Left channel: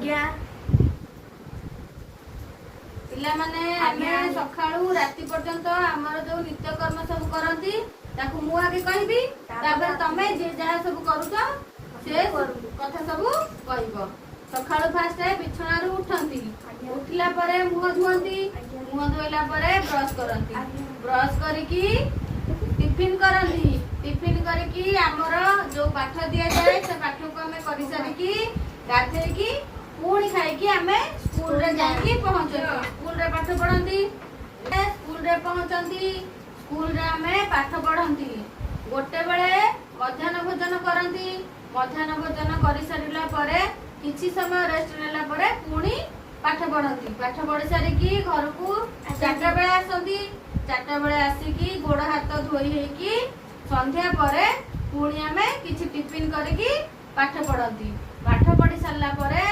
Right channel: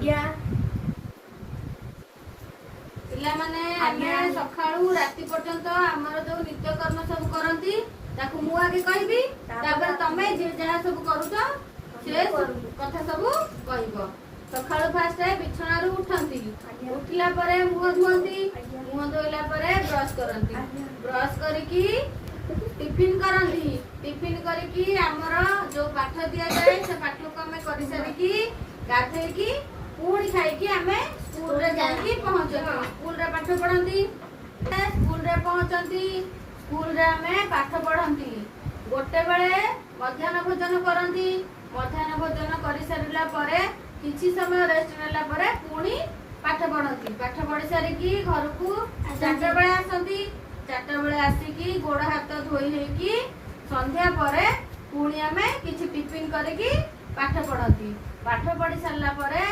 आज्ञा पिला माने आमे सखाळू राति पर्यंत हमर जो नित्य कर्म सब करंती ताकू मु आगे कहबी तापर तमे जे जहा सब करूछ से कथा सब कहबो। सखाळू फास्ट बिछणारू उठंती उठला परे मुह धुअंती मुह धोइला परे ब्रश करंती ब्रश करिकी टिफिन करंती टिफिन करिकी हमर जो पाठ दिया जाए से पाठ को हमें करि सारिकी गाधेकी पुणी खाई आम स्कूल रे जाके पहुंचती स्कूल रे पाठ पढ़ती स्कूल रे पहुंचती स्कूल रे आम पाठ पढ़ती गोटे बेले मध्याह्न भोजन करती मध्याह्न भोजन कर सारा पर किसी समय रेस्ट नेला परे पुणी पाठ पढ़ती पाठ पढ़ी सारिकी घर को 4टा बेले आसती 4टा बेले आसिकी गोड़ हाथ धोई होइकी संध्या परे पुणी आम किसी टिफिन करके पाठ पढ़ती पाठ पढ़ी सारा परे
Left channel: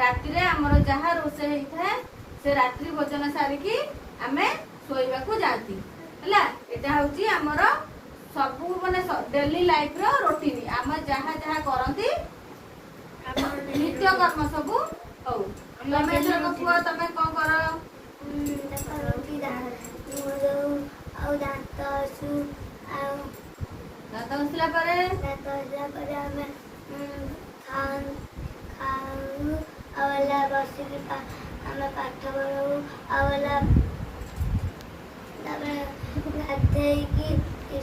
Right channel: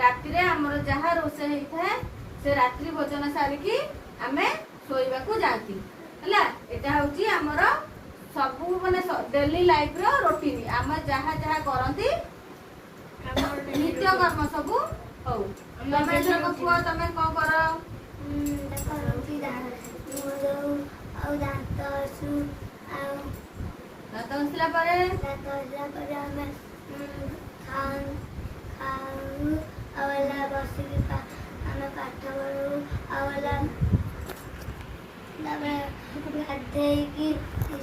राति रे हमर जहा रोसे होइथे से रात्रि भोजन सारिकी आमे सोइबा को जाती हला एटा होची हमर सबु माने डेली लाइफ रो रूटीन आमे जहा जहा करंती हमर नित्य कर्म सबु हौ तमे जो पुआ तमे को कर करंती दांत सु दांत हसला परे हमें खान खाऊ आवला बसिक हमें पाठ पढ़ू आवला गाधे की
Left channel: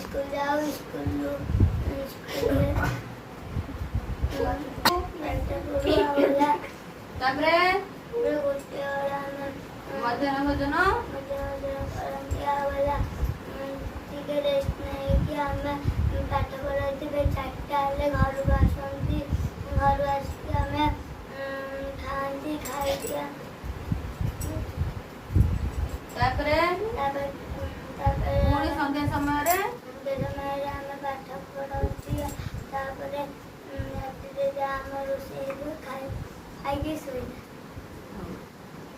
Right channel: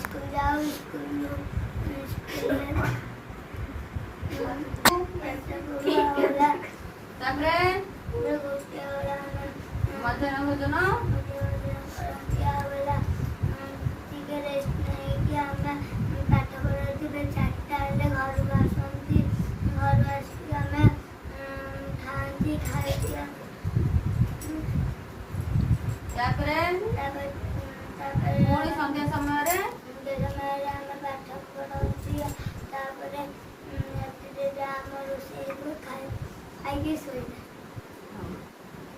स्कूल जाओ स्कूल तापरे मध्याह्न भोजन आवला ठीक रेस्ट नहीं कि हमें पाठ पढ़ाई 4टा घर को आसती घर आसिक हमें खाती खाई तापरे पुणी संध्या समय रे हमें पाठ पढ़ाती तापर राति आम रोषे खाई शोई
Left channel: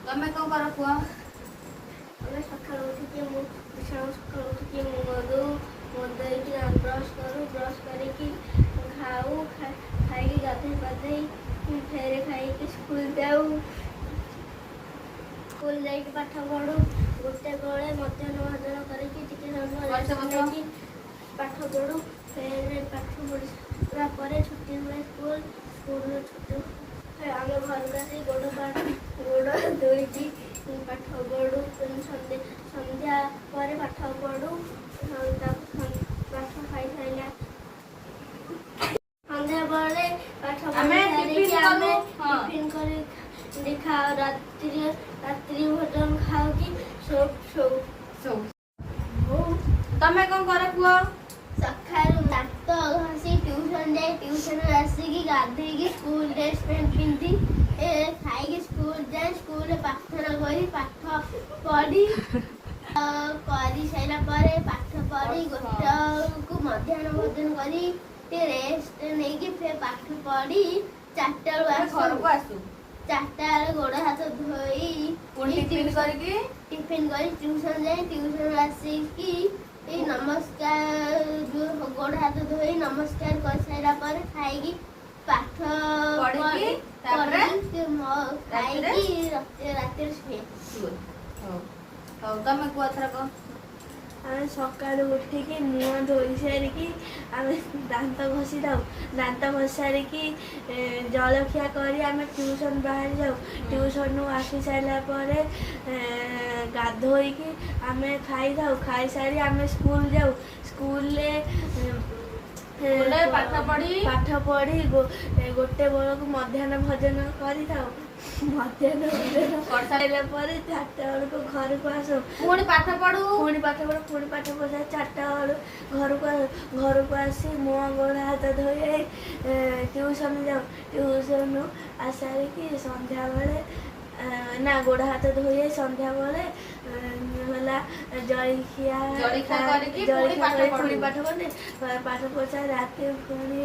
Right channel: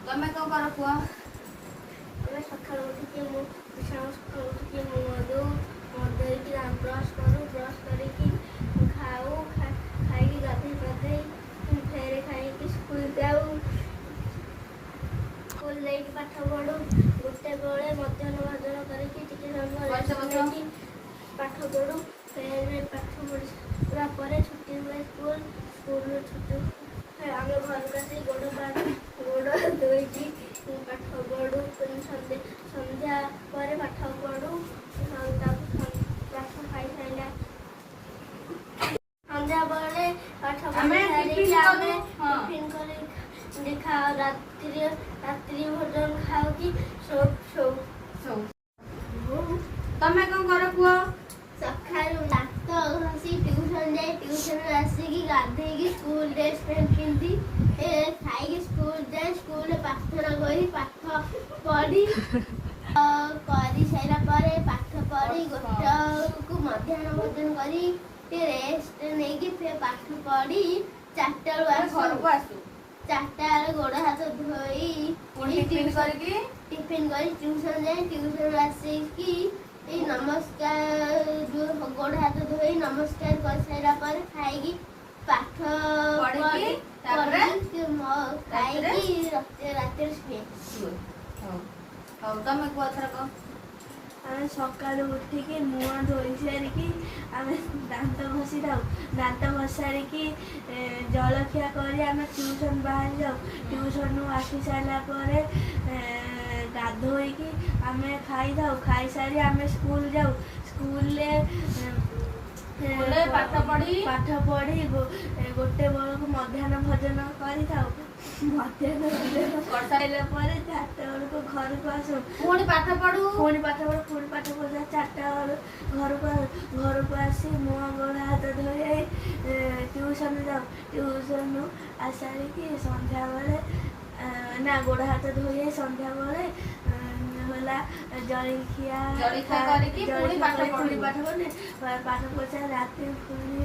तमे को कर पुआ सकाल उठिकी सकाल उठिकी मुँह ब्रश करूँ ब्रश करके खाऊ खाई गाधे पाधे फेर खाई स्कूल जाऊ स्कूल जाइए पाठ पढ़ू गोटे बेले मध्याह्न भोजन करके पाठ पढ़ू फेर पाठ पढ़ा पर छुट्टी हुए स्कूल स्कूल छुट्टी आम घर को आसी गोड़ धोई पाठ पढ़ू संध्या पर पाठ पढ़ू पाठ खाई सारा संध्या बेले पाठ टिफिन कर खाओ रात्रि भोजन खाओ कि सो तमे को कर पुआ सकाळू दांत घसी ट्यूशन जाए ट्यूशन आसिकी गाधेकी स्कूल ड्रेस पिंधि खाई स्कूल जाए स्कूल प्रार्थना करी पाठ पढ़ी करी सारा पर पाठ पढ़ी गोटे को मध्याह्न भोजन करी रेस्ट नहीं कि फिर पाठ पढ़ी 4टा आसू 4टा गोड़ हाथ धोई पुणी टिफिन करी ट्यूशन जाए ट्यूशन आसिकी नमस्कार जो गोड़ हाथ धोई नमस्कार कर सारा पर खाई पाठ पढ़ी खाई राति शुए तमे को थरक आम सकाल उठिकी मुँह धोई सारिकी आम दांत घसी थाऊ दांत घसी सारिकी जलखिया करी आम ट्यूशन बाहर जाऊ ट्यूशन आसी सारा पर गाधोईकी आम खाई थाऊ खाई सारी आम स्कूल जाऊ स्कूल पाठ पढ़ी गोटे बेल को मध्याह्न भोजन करी थाऊ मध्याह्न भोजन कर सारा पर 4टा बेलू घर को आसू पुणी पाठ पढ़ू पुणी पाठ पढ़ा 4टा बेलू घर को आसी मुँह गोड़ हाथ धोई ट्यूशन जाऊ ट्यूशन आसारिकी संध्या बेले ना गोड़ हाथ धोई संध्या बेले जलखिया पुणी पाठ पढ़े पाठ पढ़े राति पुणी